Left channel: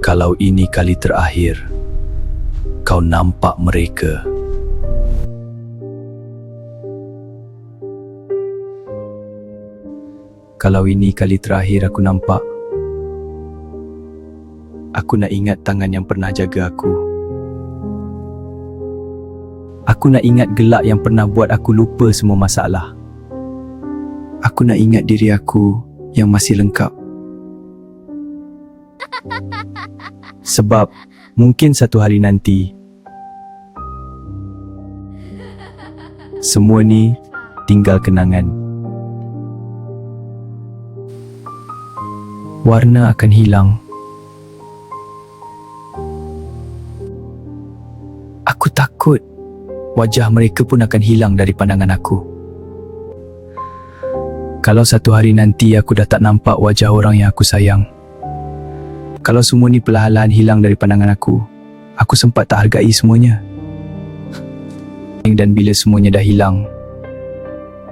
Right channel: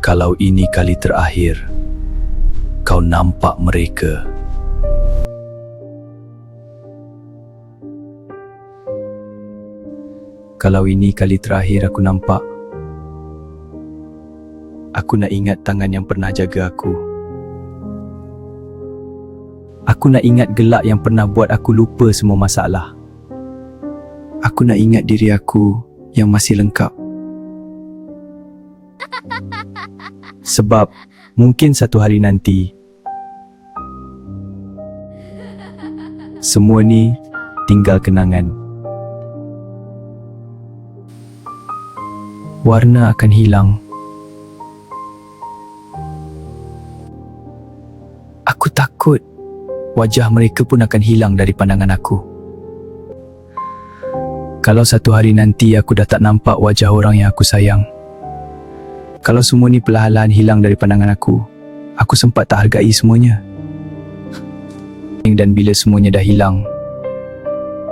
Kalau ini kali terakhir kau nampak mereka. Kalau ini kali terakhir aku nampak, aku nak ingat tangan yang pernah jaga aku. Aku nak ingat gelak yang pernah buat aku lupa semua masalah. Aku nak ingat diri aku yang masih lengkap. Sebab mungkin satu hari nanti, semua ni tinggal kenangan. Warna akan hilang. Aku takut wajah mereka pun akan hilang dari pandangan aku. Kalau satu hari nanti aku dah tak nampak wajah orang yang aku sayang, kalau semua ni perlahan-lahan hilang dari pandangan aku sempat tak hargai semuanya. Dan bila semuanya dah hilang,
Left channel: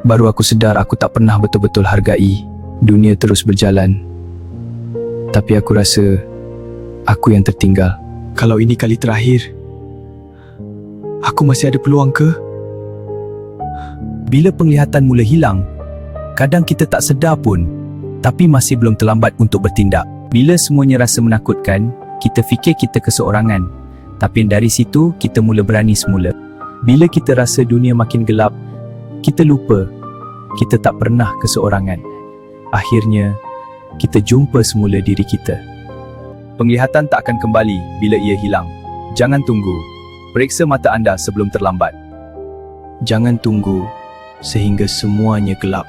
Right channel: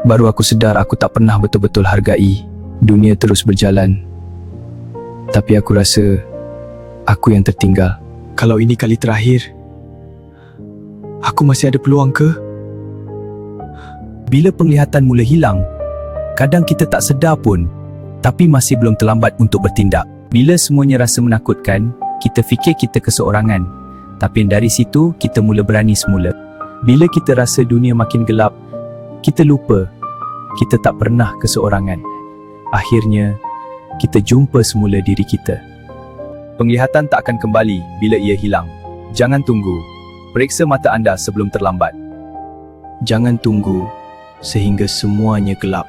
baru aku sedar aku tak pernah betul-betul hargai. Dunia terus berjalan, tapi aku rasa aku yang tertinggal. Kalau ini kali terakhir, aku masih ada peluang ke? Bila penglihatan mula hilang, kadang kita tak sedar pun, tapi masih belum terlambat untuk bertindak. Bila semuanya rasa menakutkan, kita fikir kita keseorangan, tapi dari situ kita mula berani semula. Bila kita rasa dunia makin gelap, kita lupa kita tak pernah keseorangan. Akhirnya, kita jumpa semula diri kita. Penglihatan tak akan kembali bila ia hilang. Jangan tunggu. Periksa mata anda sebelum terlambat. Jangan tunggu sehingga semuanya gelap.